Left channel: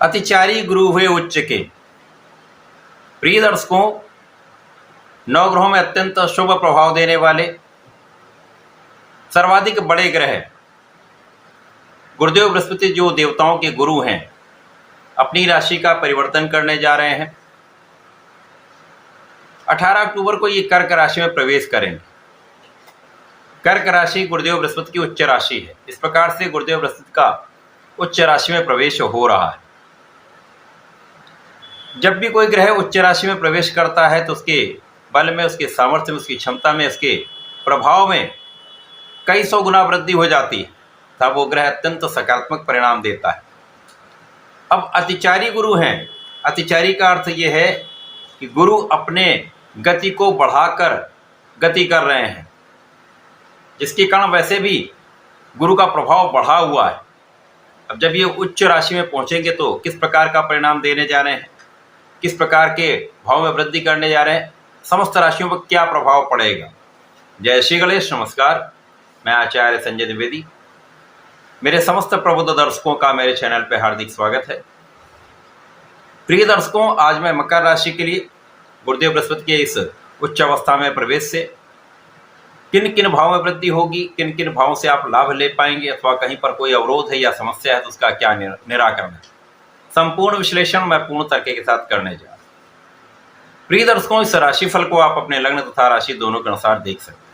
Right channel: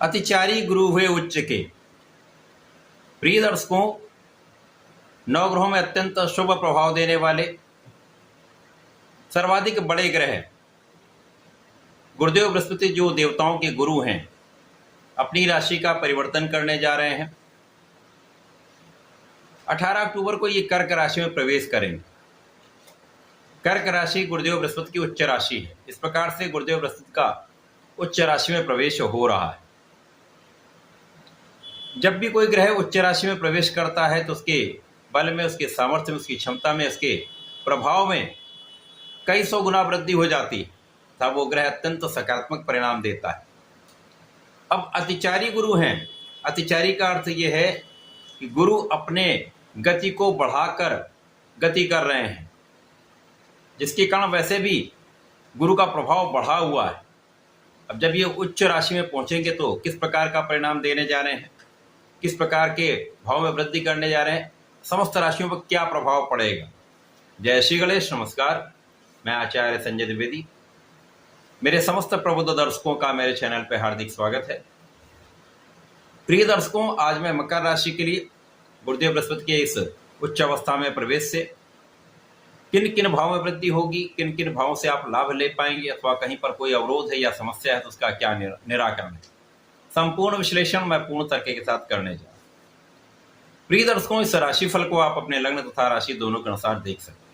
अतिचारी गुरु हुए उच्च के। प्रिय दर्शकों, नवग्रहों में अत्यंत शुभ प्रभाव देने वाले सर्वाधिक बड़े ग्रह गुरुदेव बृहस्पति जो देवताओं के गुरु हैं, अपनी राशि का परिवर्तन करने जा रहे हैं। 18 अक्टूबर को ये कर्क राशि में प्रवेश करेंगे। कर्क राशि गुरुदेव बृहस्पति की उच्च राशि है। इस प्रकार से गुरुदेव बृहस्पति का उच्च राशि में प्रवेश हो रहा है। जब भी कोई ग्रह उच्च राशि में प्रवेश करता है तो उसके बल में, उसके सामर्थ्य में, उसकी क्षमता में, उसके प्रभाव में कई सौ गुना वृद्धि हो जाती है, तब वो ग्रह अत्यंत सकारात्मक परिणाम देता है। अब अतिचारी गुरु हैं। अतिचारी का अर्थ ये है कि गुरु अपने गति को बढ़ाकर गति कर रहे हैं, जिसके कारण वैसे भी गुरु का प्रभाव बढ़ा हुआ है। अब जब ये उच्च राशि में पहुंचेंगे तो किस प्रकार का परिणाम देने जा रहे हैं, किस प्रकार के भाव में वृद्धि करने जा रहे हैं, समस्त राशियों पर क्या प्रभाव पड़ेगा। जय श्री गणेश। नमस्कार, मैं आचार्य संजय द्विवेदी। मेरे समस्त प्रबुद्ध दर्शकों का मेरे चैनल पर हार्दिक स्वागत है। प्रिय दर्शकों, आज मैं मकर राशि के लिए गुरुदेव बृहस्पति के इस उच्च अवस्था में प्रवेश से किन किन भावों में वृद्धि होगी, किन किन भावों से आप लाभ ले पाएंगे, अथवा कहीं पर कोई अवरोध है या समस्या है तो उसका क्या निराकरण है, संपूर्ण विश्लेषण मैं पूर्ण तर्क के साथ करने जा रहा हूं। प्रिय दर्शकों, इस राशिफल को आप अपने लग्न तथा राशि दोनों के अनुसार देख सकते हैं।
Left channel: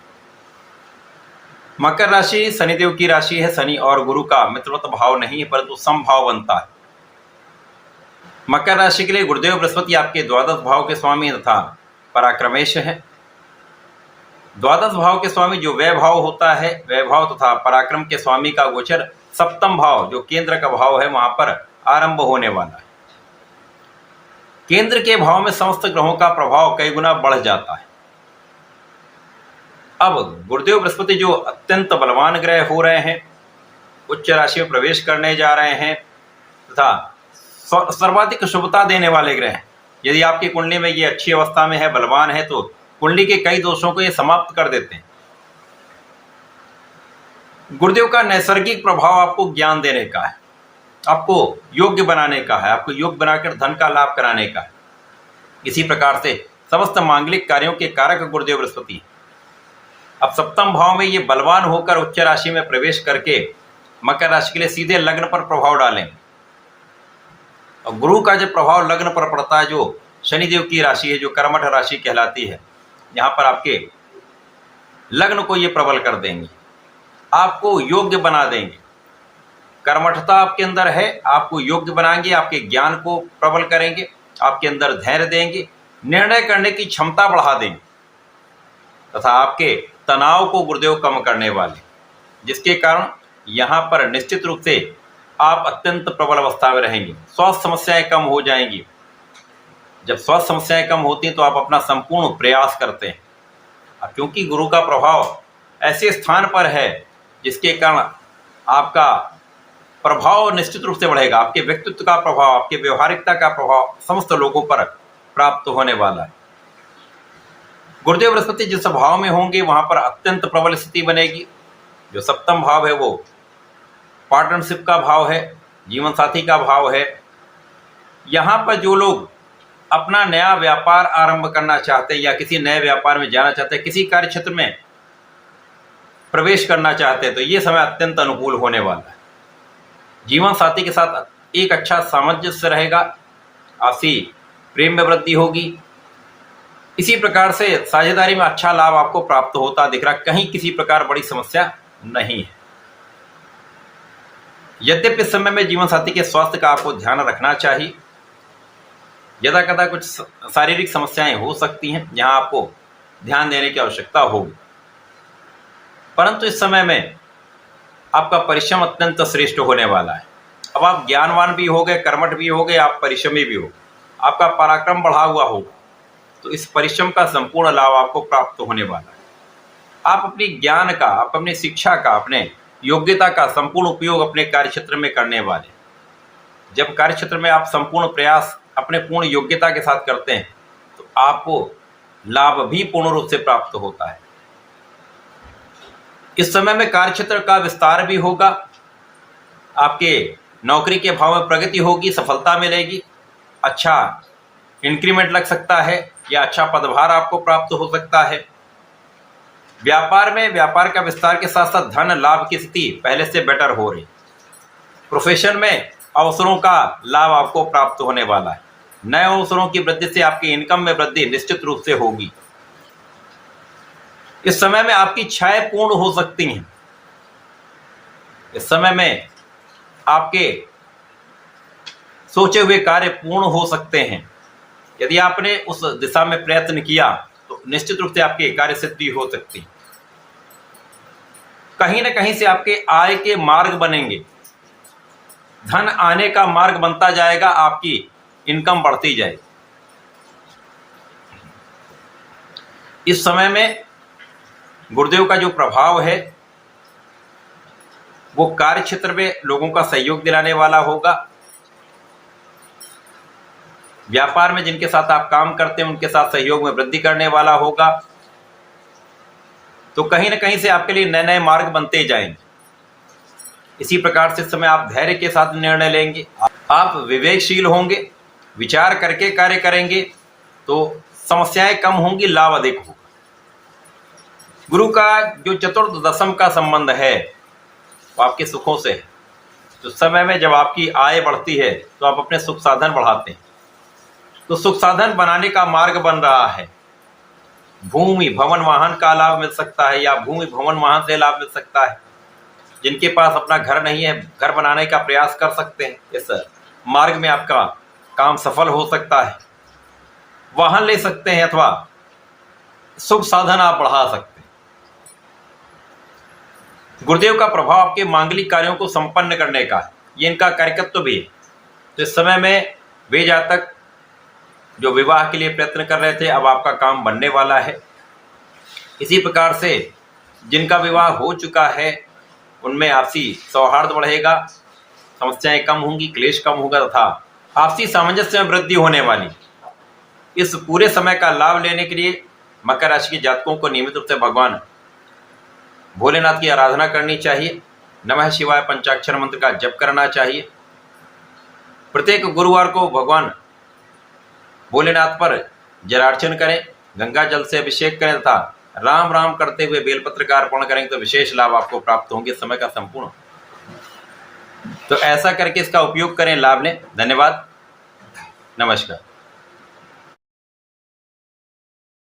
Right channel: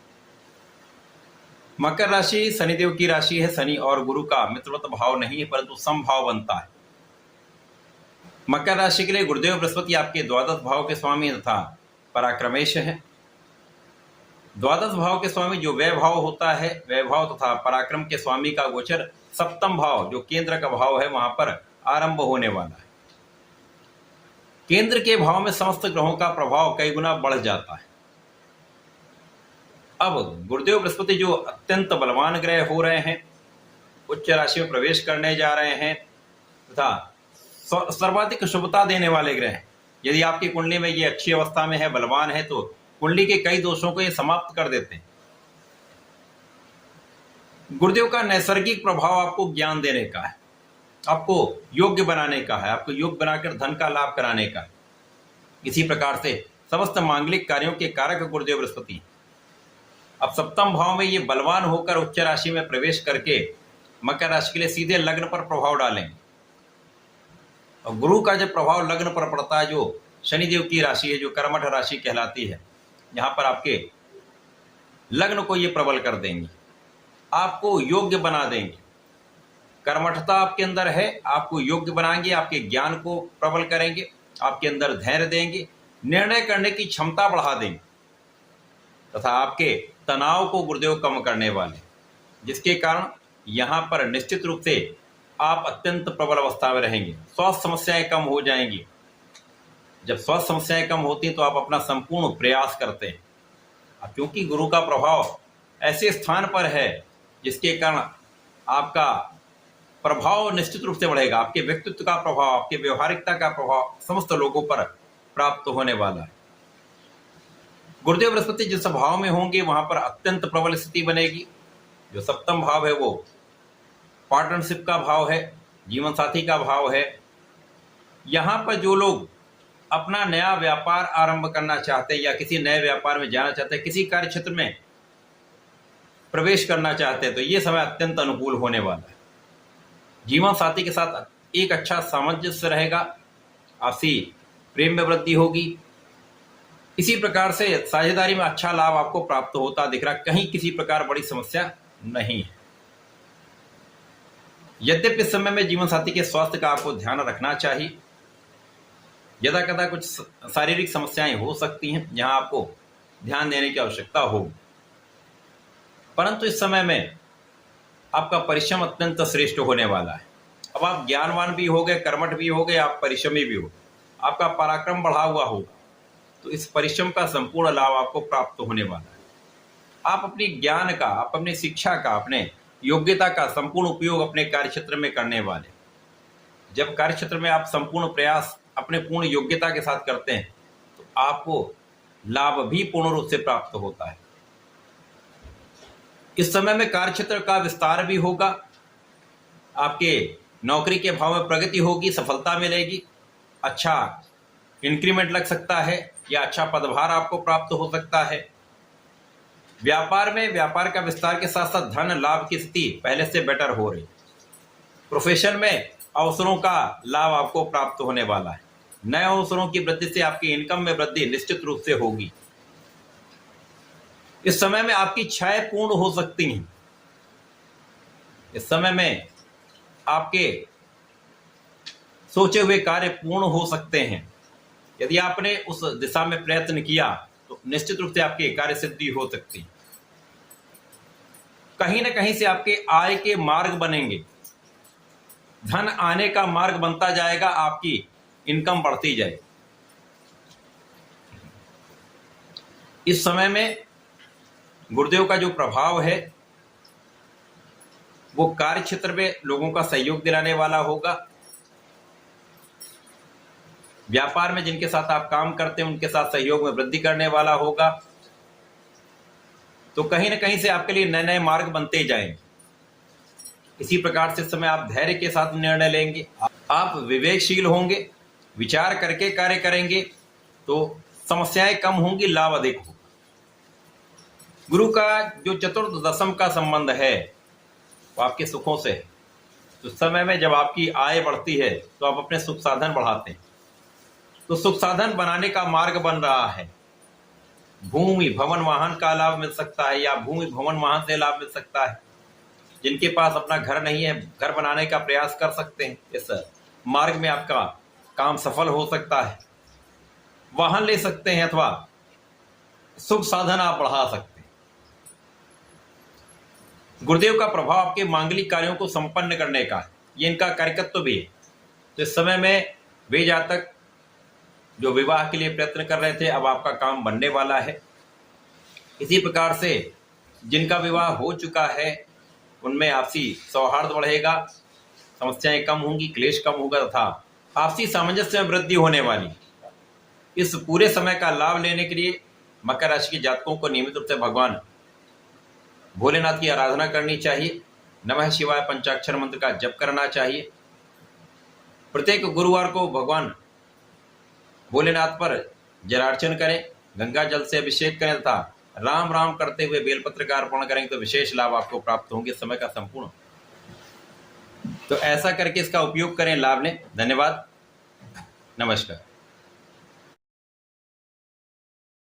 मकर राशि शनिदेव की राशि है। शनि और गुरु का मित्रवत भाव नहीं है, परंतु समभाव बनता है। मकर राशि के लिए गुरुदेव बृहस्पति आपके द्वादश भाव के स्वामी तथा पराक्रमेश है। द्वादश भाव के स्वामी जो वैभाव होता है, वैभाव तथा पराक्रम के स्वामी का गोचर सप्तम भाव जो केंद्र का भाव है वहां पर आरंभ होने वाला है। केंद्र के भाव में समस्त ग्रहों का प्रभाव कई गुना बढ़ जाता है। अब गुरुदेव बृहस्पति जो अत्यंत बलवान ग्रह हो रहे हैं, उच्च राशि में प्रवेश करने जा रहे हैं तथा सर्वाधिक शुभता देने वाले ग्रह। यदि आपकी कुंडली में ये अच्छी अवस्था में है, बलवान है, तो कुंडली के कई दोषों को ये समाप्त कर देते हैं। गुरुदेव का नैसर्गिक प्रभाव आपको ज्ञान देने का है, आपको योग्य बनाने का है, आपको योग्य बनाकर धन का लाभ कराने का है। इसी प्रकार से समस्त मांगलिक कार्यों के कारक गुरुदेव बृहस्पति अब सप्तम भाव में ये बलवान होकर उच्च राशि में प्रवेश करके मकर राशि के लिए सीधे लग्न पर प्रभाव डालेंगे। और गुरु का जब प्रभाव लग्न पर पड़ता है, जो शनिदेव की राशि है, जो कर्मठ राशि कहलाती है, यहाँ पर आपके लग्न को ये प्रबल कर देंगे, आपको योग्य बना देंगे। कर्मठता आपके अंदर है, आपको योग्य बनाएंगे, आपके ज्ञान को प्रबल करेंगे, आपके अंदर धैर्य देंगे, निर्णय करने की क्षमता बढ़ा देंगे तथा आपके तनाव को गुरुदेव कम करने वाले, जिसके कारण यहाँ पर निश्चित रूप से आप अत्यंत प्रबल अवस्था में रहेंगे। स्वास्थ्य समस्याएं कम हो जाएंगी। जब स्वास्थ्य समस्याएं कम होती हैं तो आप अपना संपूर्ण प्रयास करते हैं। क्योंकि गुरु का प्रभाव ऐसे स्थान पर है जिसके कारण आपका प्रभाव निश्चित रूप से बढ़ेगा। आपके व्यक्तित्व का प्रभाव, आपके व्यवहारिकता का प्रभाव समस्त लोगों पर प्राप्त होने वाला है। गुरुदेव बृहस्पति जिस भाव में होंगे वहां पर अत्यंत प्रबल स्थिति बनेगी। जो सप्तम भाव है वो पार्टनरशिप का भाव है, जीवन साथी का भाव है। यहाँ पर जो लोग अपना नया व्यापार आरंभ करना चाहते हैं या किसी नए व्यापार में जाना चाहते हैं, किसी कार्य क्षेत्र में प्रवेश करना चाहते हैं, तो ये समय अत्यंत अनुकूल होने वाला है। जीवन साथी के साथ एक अच्छा सामंजस्य रहेगा, आपसी प्रेम में वृद्धि होगी। इसी प्रकार से साझेदारी में अच्छा लाभ आपको प्राप्त होता दिख रहा। कहीं किसी प्रकार बड़ी समस्या नहीं है। यद्यपि इस समय में जीवन साथी के स्वास्थ्य का आपको ध्यान रखना चाहिए। यदा कदा कुछ शारीरिक समस्याएं हो सकती हैं, जहां आपको ध्यान देने की आवश्यकता होगी, परंतु इस समय में आपका परिश्रम अत्यंत श्रेष्ठ होने वाला है। अब आप ज्ञानवान भी हो गए, कर्मठ भी हो गए, आप परिश्रमी भी हो, आपका पराक्रम बढ़ा हुआ होगा, तो इस परिश्रम का संपूर्ण लाभ आपको प्राप्त होने वाला है। आप अपनी ज्ञान का, आप अपनी शिक्षा का, अपने योग्यता का संपूर्ण उपयोग अपने कार्य क्षेत्र में करने वाले। जब कार्य क्षेत्र में आप संपूर्ण प्रयास अपने पूर्ण योग्यता के साथ करते हैं तो आपको लाभ भी पूर्ण रूप से प्राप्त होता है। इस समय में कार्य क्षेत्र का विस्तार भी होगा, आपके नौकरी के भाव में प्रगति होगी, सफलता मिलेगी, अच्छा इंक्रीमेंट लग सकता है या अच्छा पदभार आपको प्राप्त हो सकता है। व्यापार में व्यापार का विस्तार के साथ साथ धन लाभ की स्थिति पहले से बेटर हो रही। प्रोफेशन में अवसरों का लाभ आपको प्राप्त होने वाला है। नए अवसरों की वृद्धि से आपकी इनकम में वृद्धि निश्चित रूप से होगी। इस समय में आपकी इच्छाएं पूर्ण हो सकती हैं। इस समय में आपके सोचे हुए कार्य पूर्ण हो सकते हैं। यदि आपने उस दिशा में प्रयत्न किया तो निश्चित रूप से आपकी कार्य सिद्धि हो सकती है। कहीं ना कहीं से आपके आय के मार्ग बनेंगे, धन आने का मार्ग बनता जाएगा, आपकी इनकम बढ़ती जाएगी। इस समय में गुरुदेव का जो प्रभाव है वो कार्य क्षेत्र में लोगों का सहयोग दिलाने वाला होगा। व्यापार में जिनके साथ आप काम करते हैं उनके साथ सहयोग में वृद्धि करने वाला होगा। तो कहीं ना कहीं से आपके लिए नए नए मार्ग बनते जाएंगे। इसी प्रकार से इस समय आप धैर्य के साथ निर्णय लेंगे, आप विवेकशील होंगे, विचार करके कार्य करेंगे तो समस्याएं कम होंगी, लाभ अधिक होगा। गुरु का जो चतुर्थ दशम का संबंध है वो आपके सुखों से है। तो समय में जब आपकी आय बढ़ती है तो आप अपने सुख साधन बढ़ाते हैं, तो सुख साधन बनाने का मार्ग बन रहा है। भूमि भवन वाहन का लाभ मिल सकता है या भूमि भवन वाहन से लाभ मिल सकता है। जिनके पास अपना घर नहीं है, घर बनाने का प्रयास कर सकते हैं। इस मार्ग में आपका काम सफल हो सकता है। वाहन ले सकते हैं अथवा सुख साधन आप बढ़ा सकते हैं। गुरुदेव का प्रभाव आपके मांगलिक कार्यों को संपन्न करने का है, ये इनका कार्यकत्व भी है। तो इस समय में वे जातक जो विवाह के लिए प्रयत्न कर रहे थे, अब आपका काम बनने वाला है। इसी प्रकार से जिनका विवाह हो चुका है उनमें आपसी सौहार्द बढ़ेगा, समस्याएं कम होंगी, क्लेश कम होगा तथा आपसी सामंजस्य में वृद्धि होने वाली। इस पूरे समय का लाभ लेने के लिए मकर राशि के जातकों को नियमित रूप से भगवान भोलेनाथ की आराधना करनी चाहिए। नमः शिवाय पंचाक्षर मंत्र का जप करना चाहिए। प्रत्येक गुरुवार को भगवान भोलेनाथ पर जलार्चन करें, गंगा जल से अभिषेक करें तथा राम राम करते हुए बेलपत्र का अर्पण करेंगे तो विशेष लाभ आपको प्राप्त होंगे समय का संपूर्ण। तो ऐसा करके इसका उपयोग करें, लाभ लें। धन्यवाद, नमस्कार।